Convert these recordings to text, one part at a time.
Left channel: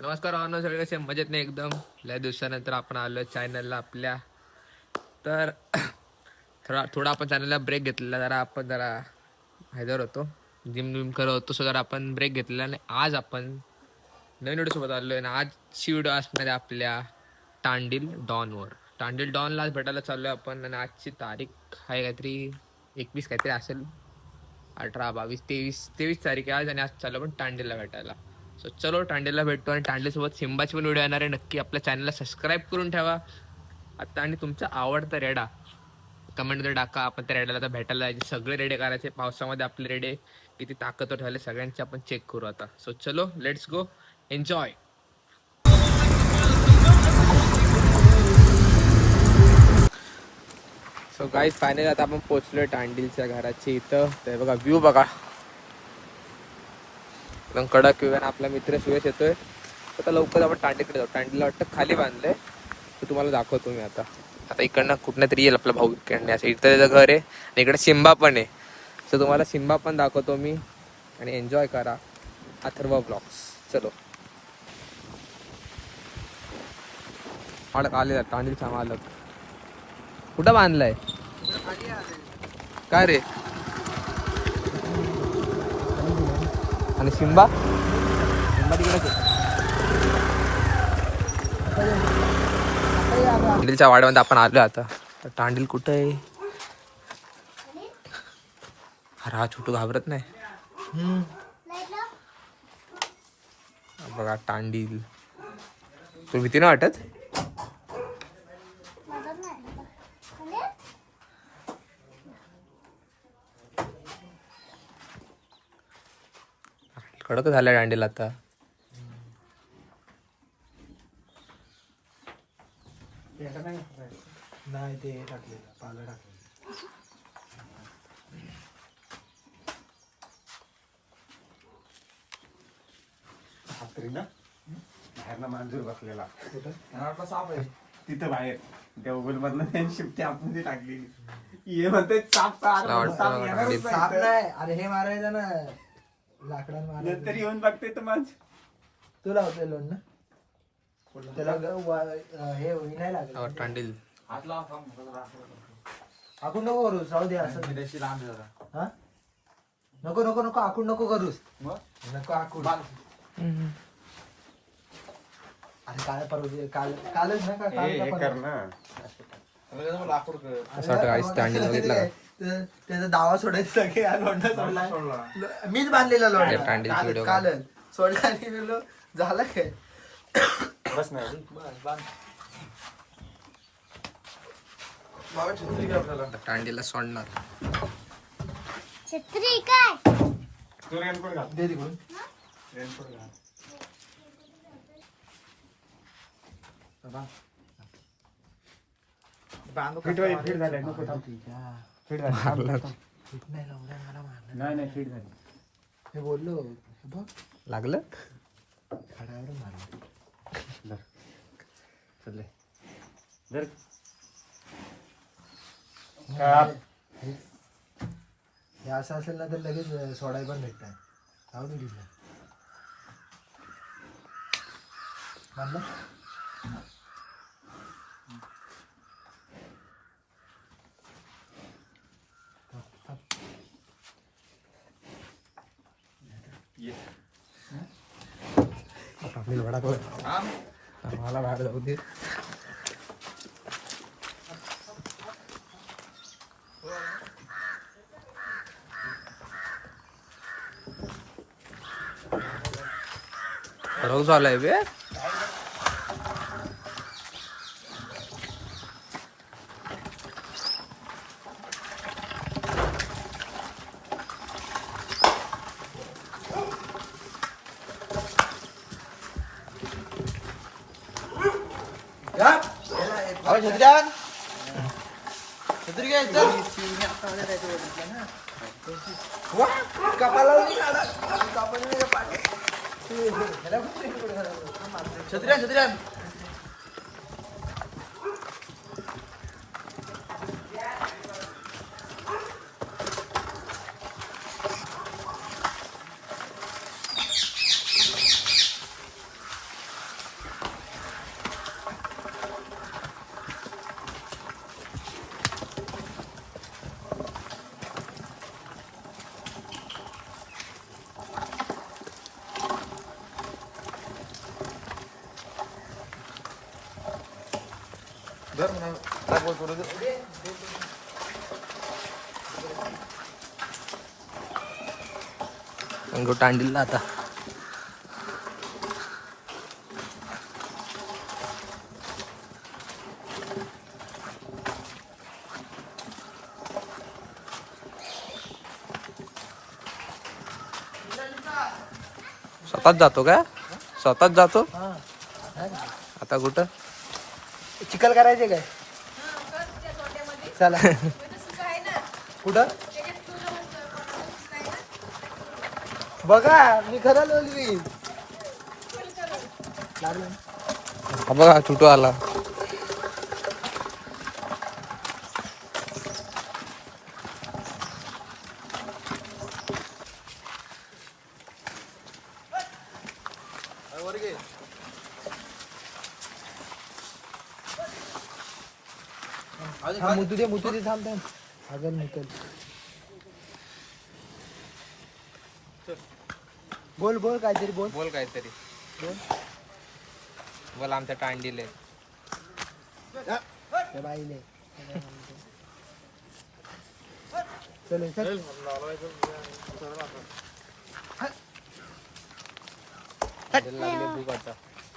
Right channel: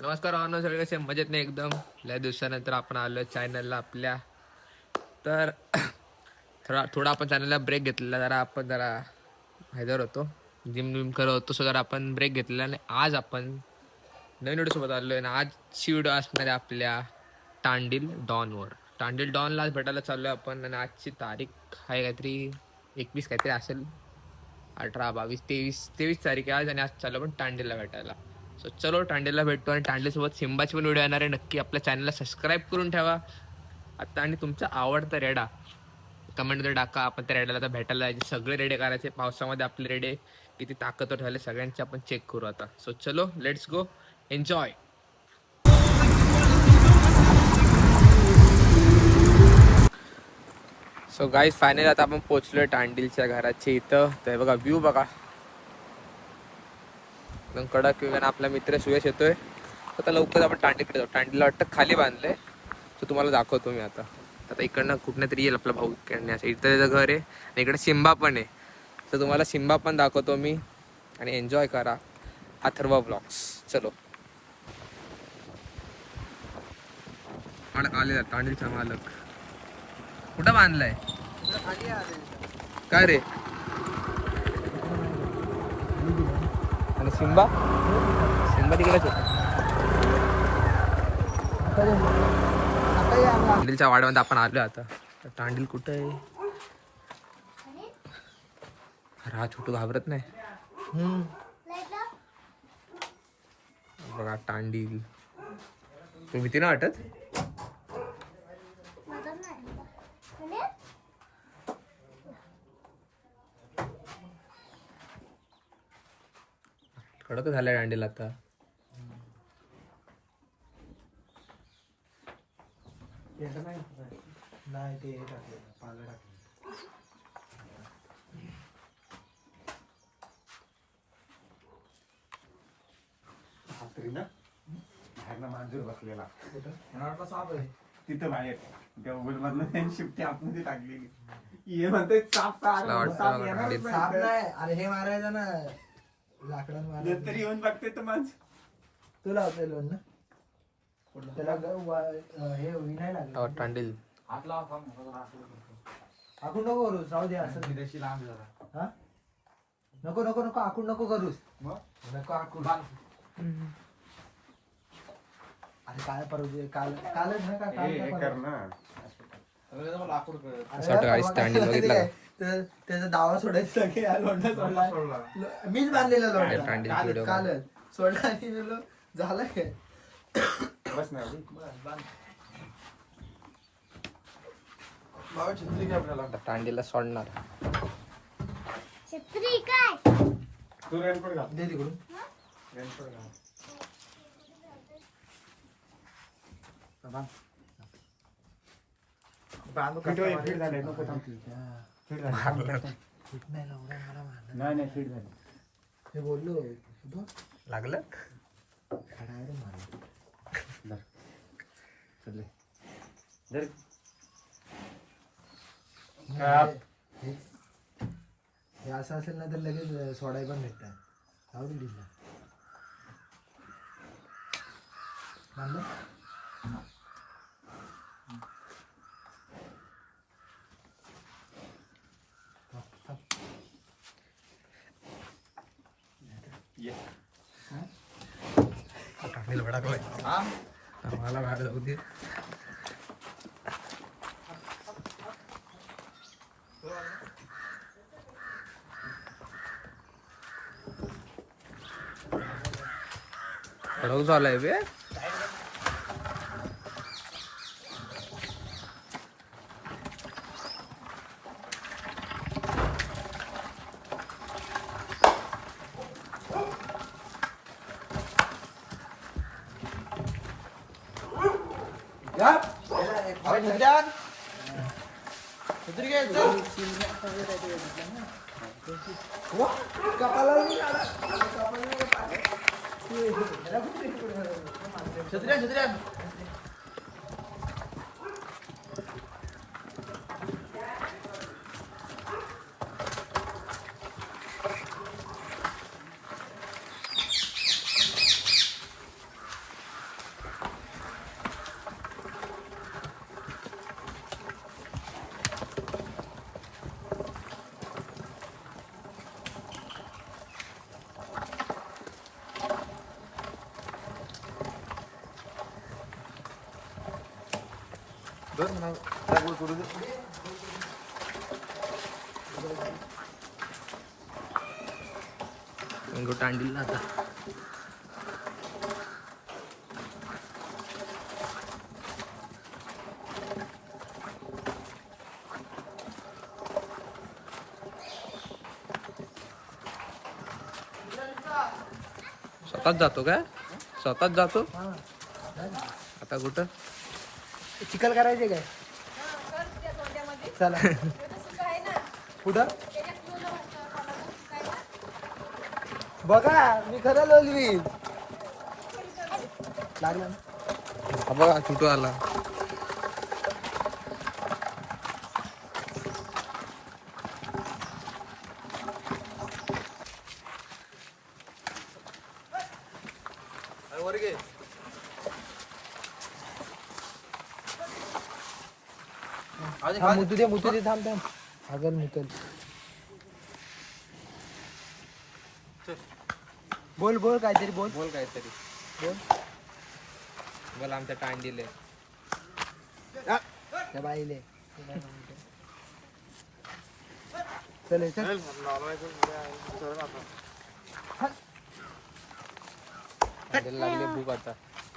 नमस्कार भावना, सगळे कसे मजेत नाही एकदम. लय दिवसानंतर आपण आलो चॅनलला आपल्या. तर थोडा आपण चॅनलला ब्रेक घेतलेला, जरा हैदर होतो, जिम विम करत होतो. सो जरा आपण ब्रेक घेतलेला आणि आज आपण नवीन व्हिडिओ सोबत आलोय. आणि आजची व्हिडिओ असणार आहे आपल्या तांडील डॉनवर. तांडील डॉनला आज भेटायला चाललोय आपण. आणि आजची तारीख आहे काहीतरी 21 काहीतरी असेल, 18, 22, 23 तारीख आहे आज. आणि आज चाललो पण तांडीलला भेटायला. सो चलो तांडीलला भेटतो. आणि तांडीलसोबत सिंबाची पण व्हिडिओ येणार आहे. नक्की आपल्या चॅनलला सबस्क्राईब करून ठेवा आता. आणि तुमचा आवडता रेडा कमेंटमध्ये टाका. आपण त्या रेड्याला आता भेटायला जायचे. सगळे रेडे करायचे पावसामध्ये. आपले रेडे किती ताकदवर झाले सगळ्यांचे आपण चेक करू आता. सो चलो let's go, enjoy. So guys finally आता आपण पोहोचलोय तांडीलच्या घराच्या इथं. तर बघा व्ह्यू बघा, एकदम कडक व्ह्यू. आणि आपला मित्र सुयश येतोय. आता लवकर आपण तांडीकडे जाऊ. तांडीला वाटतं खाली बांधलंय, तर तुम्हाला दाखवतो मी आता. आता इकडनं कुठनं तरी येईल आपला भाऊ इकडनं. असं इथं त्याचं घर आहे आणि इकडे सिंबा पण आहे. सो तुम्हाला सिंबा पण दाखवतो मी. आणि एन्जॉय करा अथर्व ब्लॉग्स. चलो. मालक आलेला, तांडीलचा मालक. कुठं बांधलाय काय रे? आणि सिंबा तिकडेच होता. तांडीलच्या वाड्यामध्ये आपण आलो आता. तर तांडील कुठं आहे? अरे हा छोटू घाबरत नाही. बघा तांडील, तो भीती नाही वाटत? कडक झालाय तांडील आता. नाही ते टाकलेलं पालं टाकलेलं. बाहेर मांजूर बसलेला साप आहे तिथं बाहेर. त्या उगल मधलं त्यांनी शिफ्टी आतमध्ये टाकलेली. ये म्हणते साप नाही. अरे हे मारायचं ना, लाकडात मारायचं. तरी येऊन बघते तर माझ तू लावते लोन ना त्याला. हे नाही लागत तांडील. आखून नको करूस, राहू दे असं. नको नको नको आखून नको करूस. नको आखून. अरे काय परवा कालच ना का तांडील बघितला का? त्याचा दावा सोडायचा लोंढा सोडला. मीच बांधलेला लोंढा कालच सोडला. झाला काय बस नाही तांडीला सोडणार. छत्री काय तू रेनकोट घाल दे तिकडून. रेनकोट घाल. बांधू फिट झाली. नाही फिट झाली. हे बोललो लागलं खडावर मारलं. चल जर हे असं असेल ना तर लगेच सोडाय पण भेटतात. आवडून दिलं बांधलं. मला बाहेर जाऊ दे. कडक झालाय बे. छत्र्या कुठं आणला आता स्वतःच जातो का स्वतःच जातो आता कुठं चिकल करायचे काय चला कुठं बघा मी खरं लोलवी हा बघा छुटू आला मुतू दे थांब थांब हगल मुतल बोल बोल काहीतरी बोल बोल काहीतरी बोल मला आमच्या टांडीले त्या बाईले चल चल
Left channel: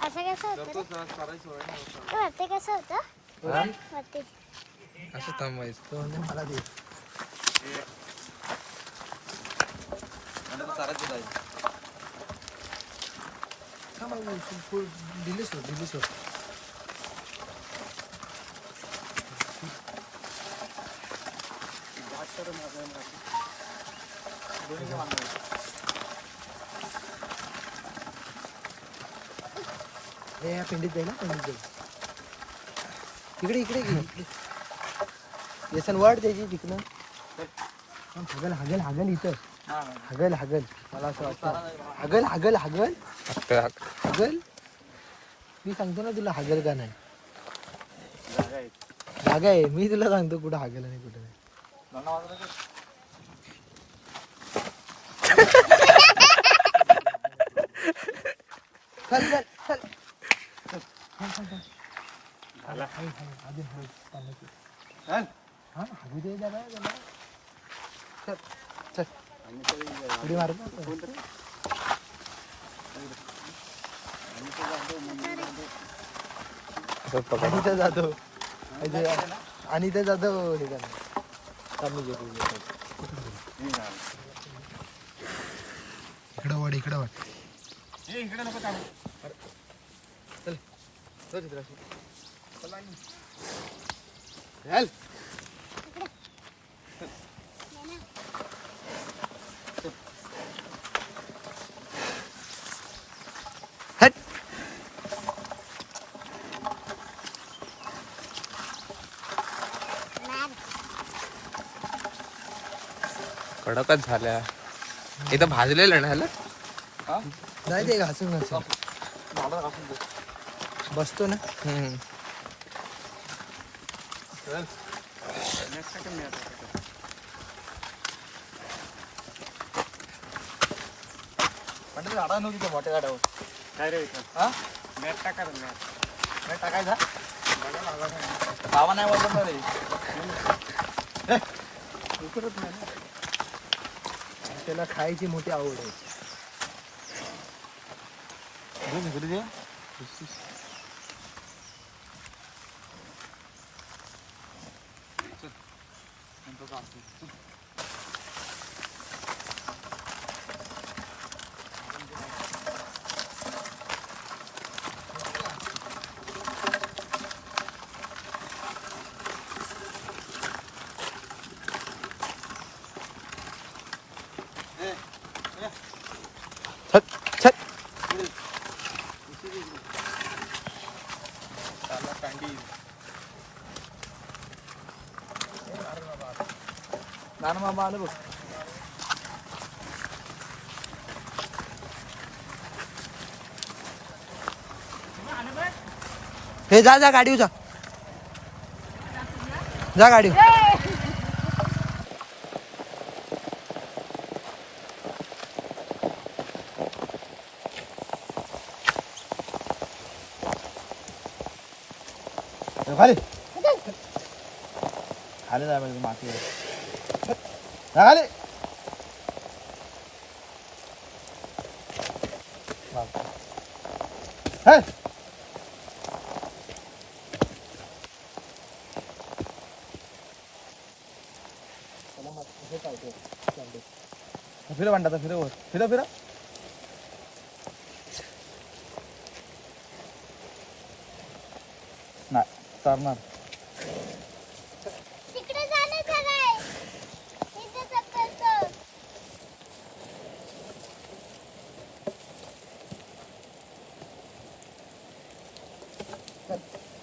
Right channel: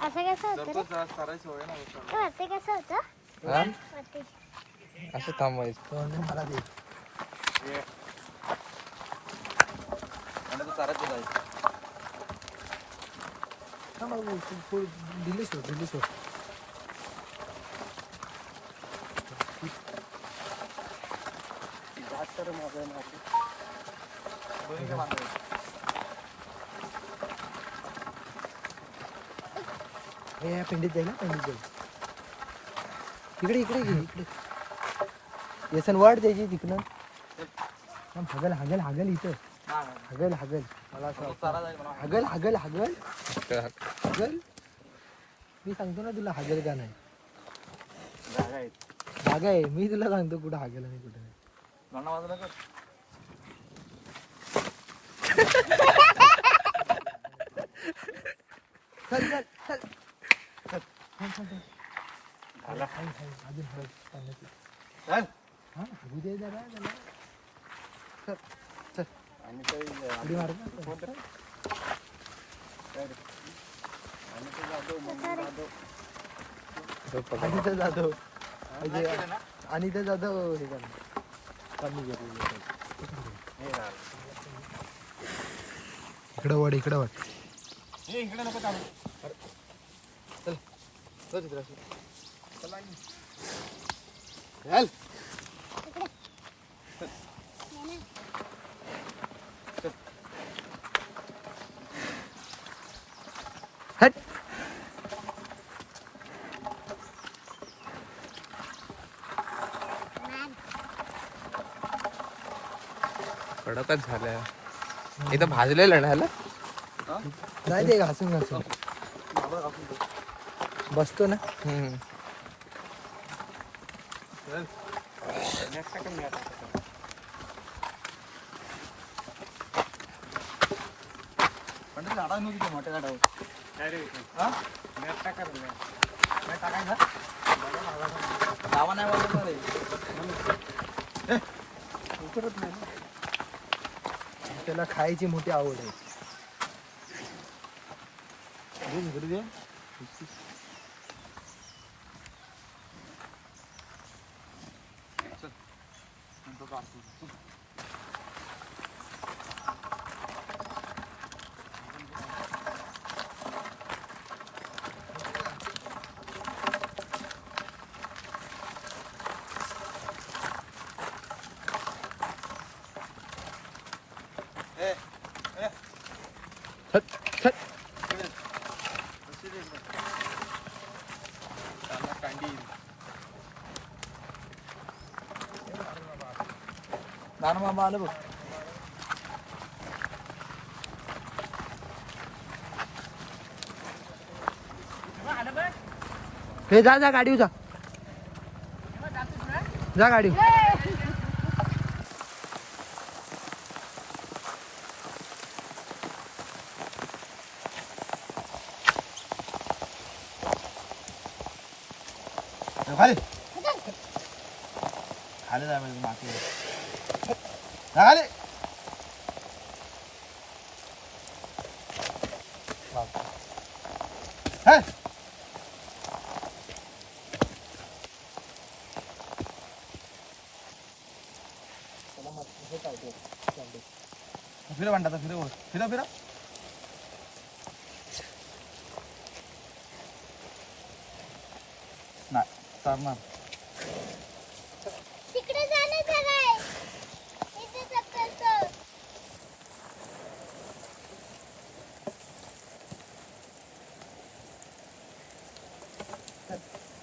असं कसं होतं रे ते वरती कसं होतं वरती असं थांबायचं मला दे दिली सोड पिंडीत जाईल इकडे व्यसन वाढ त्याची तिकडं हगल इथं हगल मला असं वाटतं हगल मी सांगतो ना तुला हगल का नाही हाग आहे मी तुला सांगतो कुठं हगल आणि कुठं नाही हगू दे दादा चल उडी मार आणि ते जातो हे इकडं वाढ इकडे नको चल चल कडकच झाल्या इथं भाजलेलं ना ह्याला नाही ते हसून बसतो ना मोठ्या गाडावर काय रे मॅट टाका मॅट टाकायचा बाबा नाही वाटत रे उकरत नाही ना त्याला खायची मोठी आवड आहे हे जा गाडी जा गाडी खाली खाली जाय पाहिजे माती खाली फिर म्हणतात फिर फिर फिर नाही चालणार तिकडे जाणे झालंय इथे चक्कर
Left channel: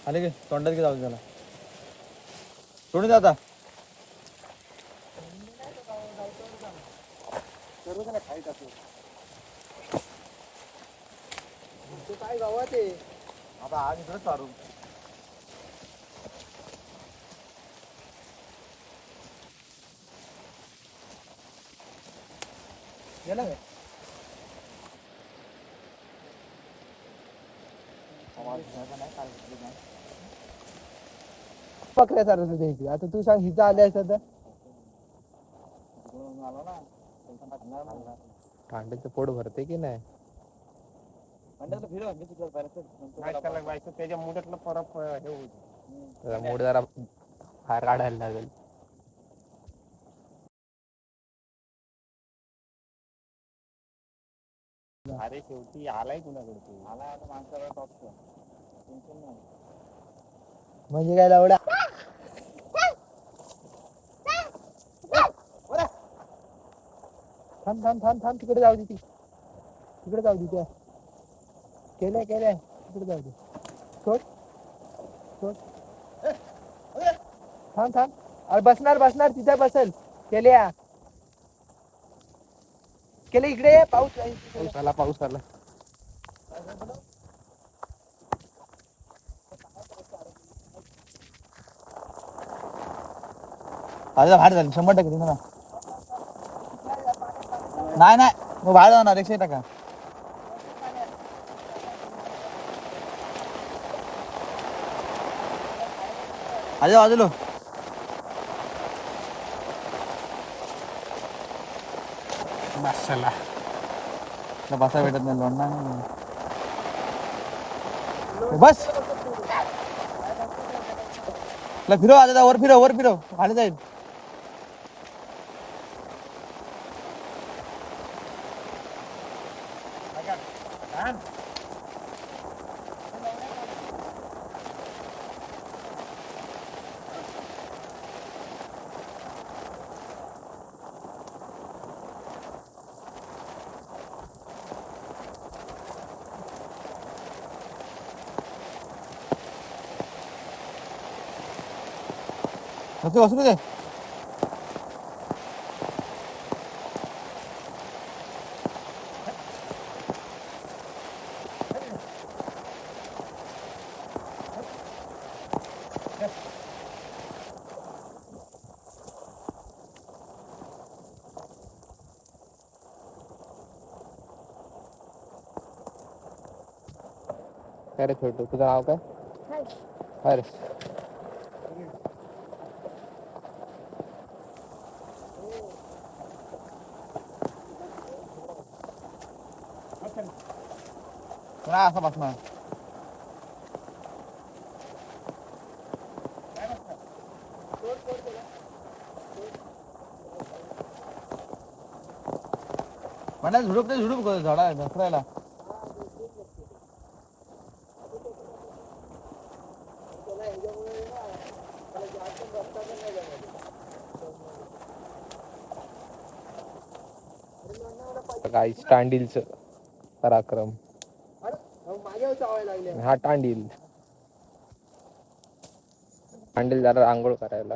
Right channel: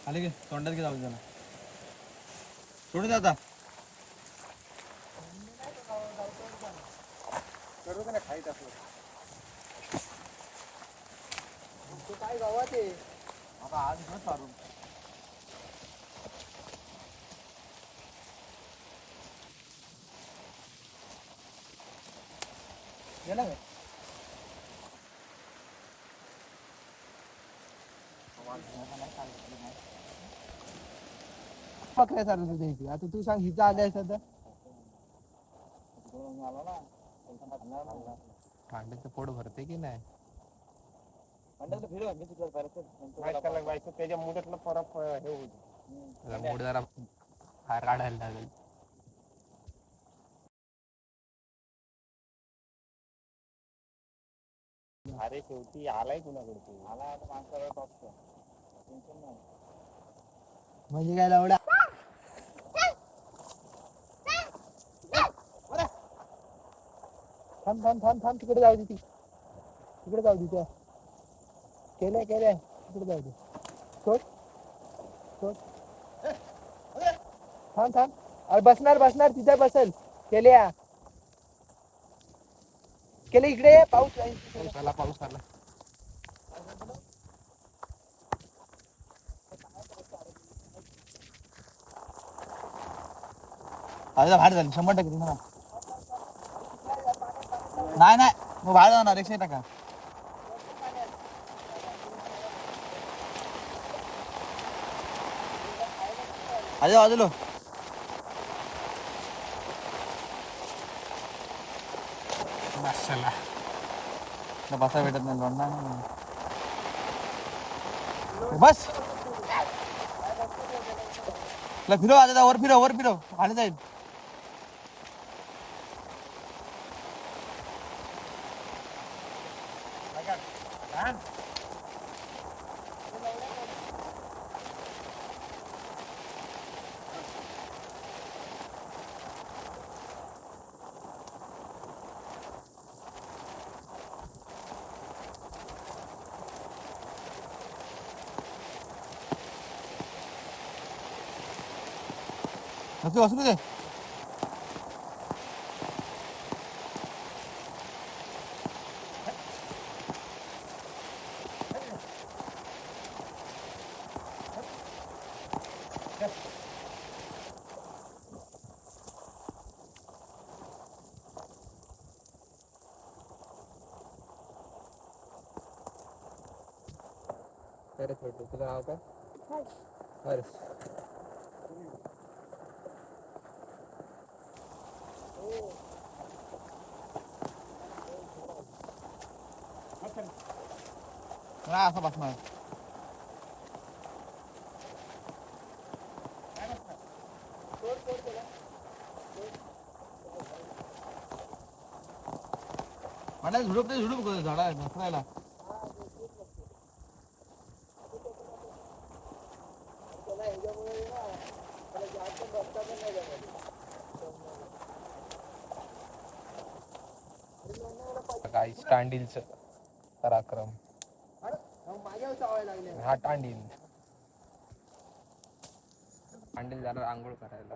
आले गे तोंडात गे जाऊ त्याला सोडून द्या आता काय गावात आहे आता आज घर चालू गेला काय पकड्या चालत द्यायची आता तू सांग हिथं आले असत कांड्याचं पोट भरते की नाही त्याच्या मुठातलं फरक हे होईल त्याला मूड जरा बाहेर काढायला लागेल अरे शेवटी आलाय कुणाकडे तू आला आता माणसाला टॉपचं टेन्शन नाही म्हणजे काय लावडा थांब थांब थांब थांब तिकडे जाऊ दे ती तिकडे जाऊ दे त्या केल्या तिकडे जाऊ दे सोड सोड थांब थांब अरे बसणार तिथे बसल केल्या इकडे ये, पाऊस पाऊस आला अरे बाहेर झाली 100% ना नाही मग बाहेर जाणार 100%. अजय बाजूलो माशाला बसा भेटत नाही लोणणार नाही बस फिरव आता वर फिरव खाली जाईल बसू दे काय रे छोटू तुझं नाव काय अरे असं बसणार मला झुडूप झाडा घसरायला काय स्टँडिलच पराक्रम हा टांडील जरा आंघोळ करायला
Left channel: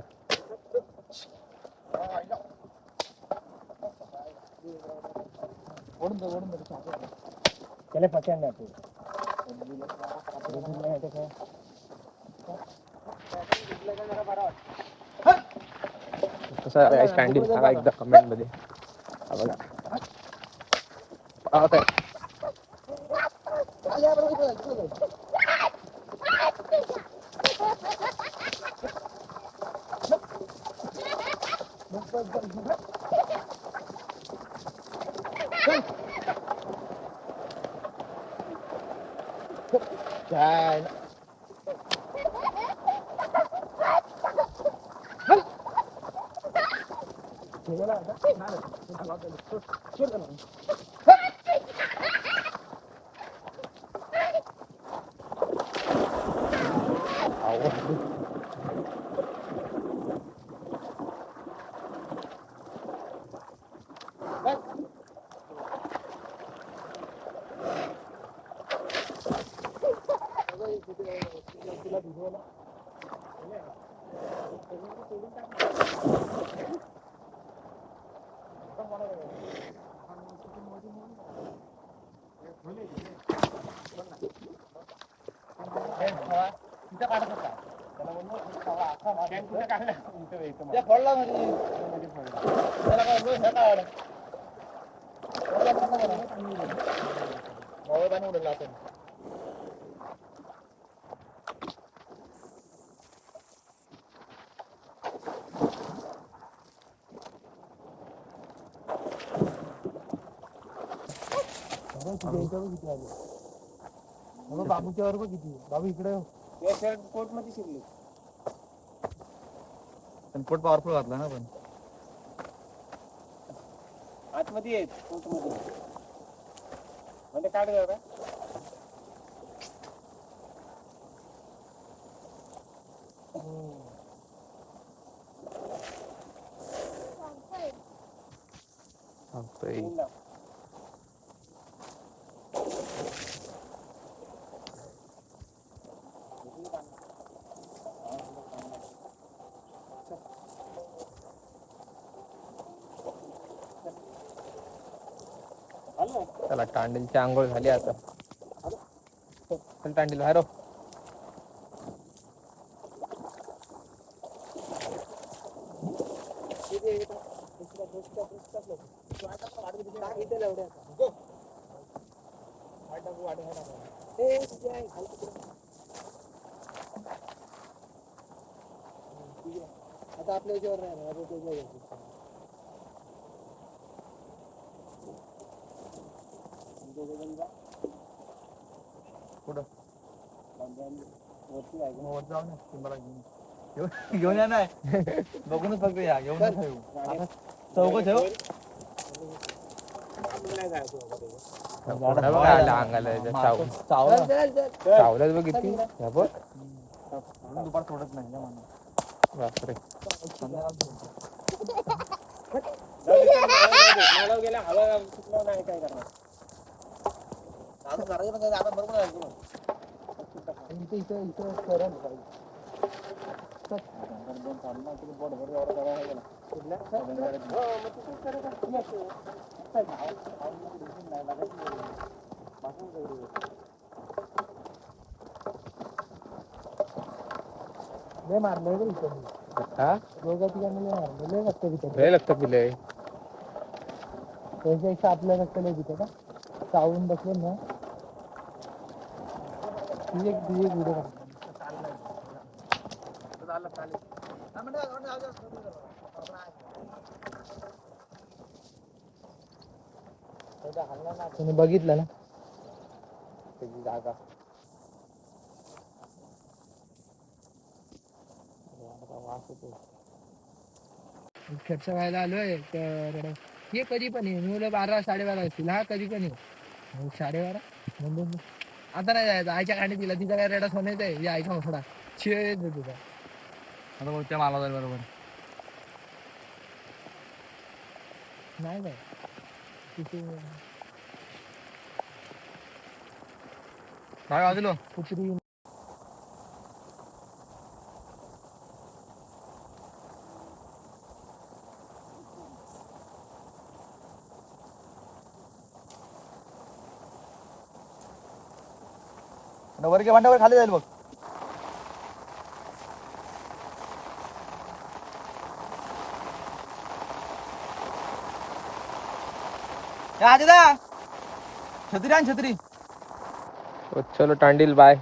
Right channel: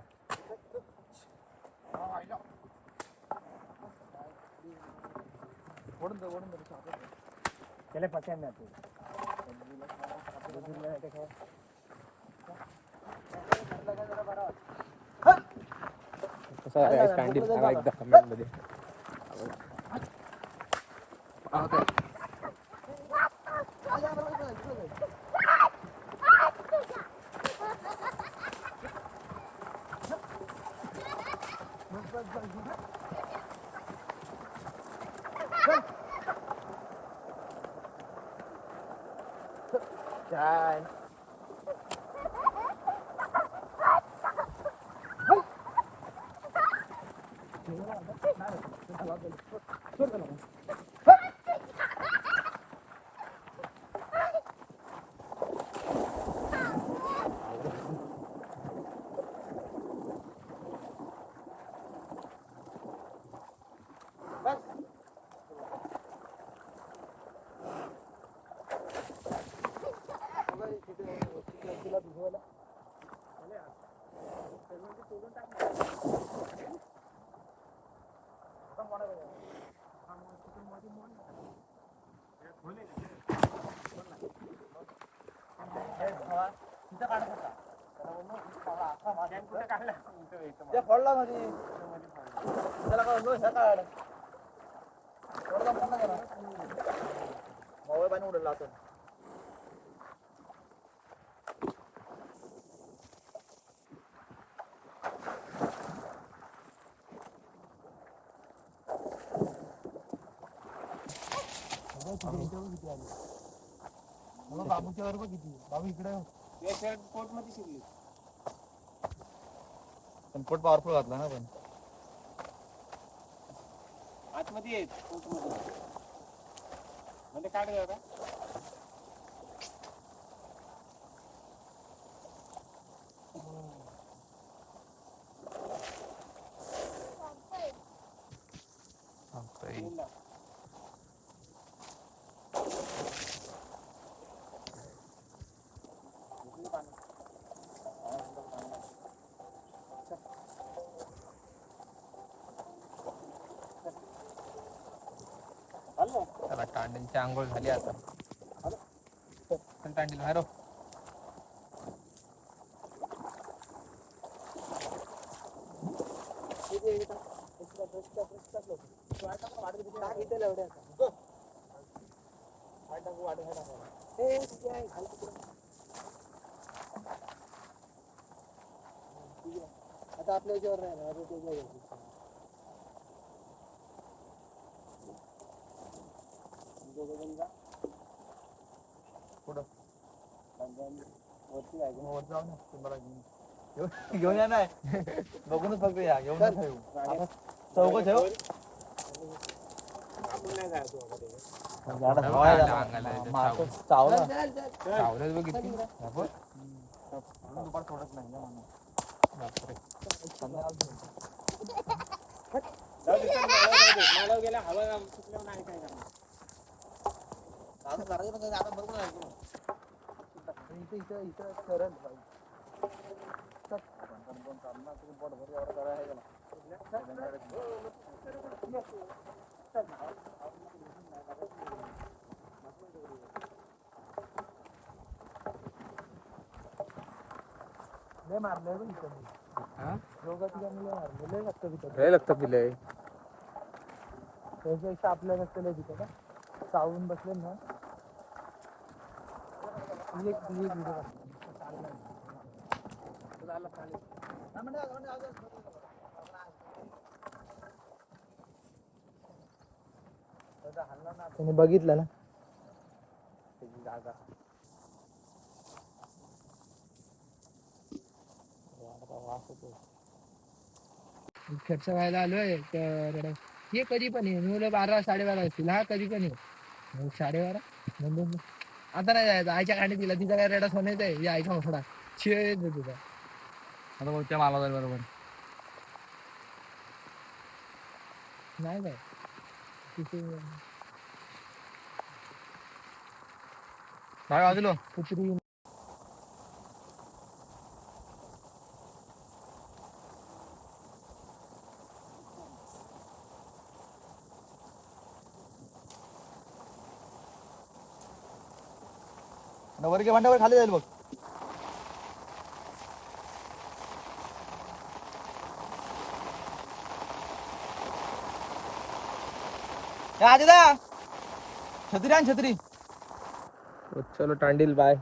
कसा स्टँडिल सांगा एकदा कमेंट मध्ये बघा छान. बाबूच्या वर किती बाबू इकडे कोर्ट मध्ये शिरले पण कोट पॉवरफुल घातला ना पण आतमध्ये येत कोर्ट मध्ये म्हणजे काढ जरा चला टांडीलची आंघोळ झाली आता. चल टांडील बाहेर हो. आता आपल्या याच्यावर नाही ना आता त्याच्या कुठं वरती जाऊ ना तुम्हाला घेऊन या नाही बघूनच फक्त या घेऊन चौक ठेव चावलं बघितली दुपार सोडत नाही ना म्हणून बापरे. गेला हवा नाही काय करणार बरोबर मारलंय लक्षात दिलंय त्याच्यापेक्षा आपल्या लक्षात तिथे का चावून बसले ना एक व्हिडिओ तुम्ही बघितलं ना जागा खर्च व्हायला आलोय तर हे कधी पण ये मुलं 12 12:30 असतील हा कधी पण ये 12:30 म्हणजे आता नाही जायचं आईच्या गाडी दिला तिचा काय रेडा सोन्याचा आहे या आईचा मोठा छे तुझा आता बोलते मला बरोबर नाही काय तिथे काय वाजलो कुत्री वरगे भांड्यावर खाली जाईल बघ छत्री आण छत्री चलो टांडील बाय.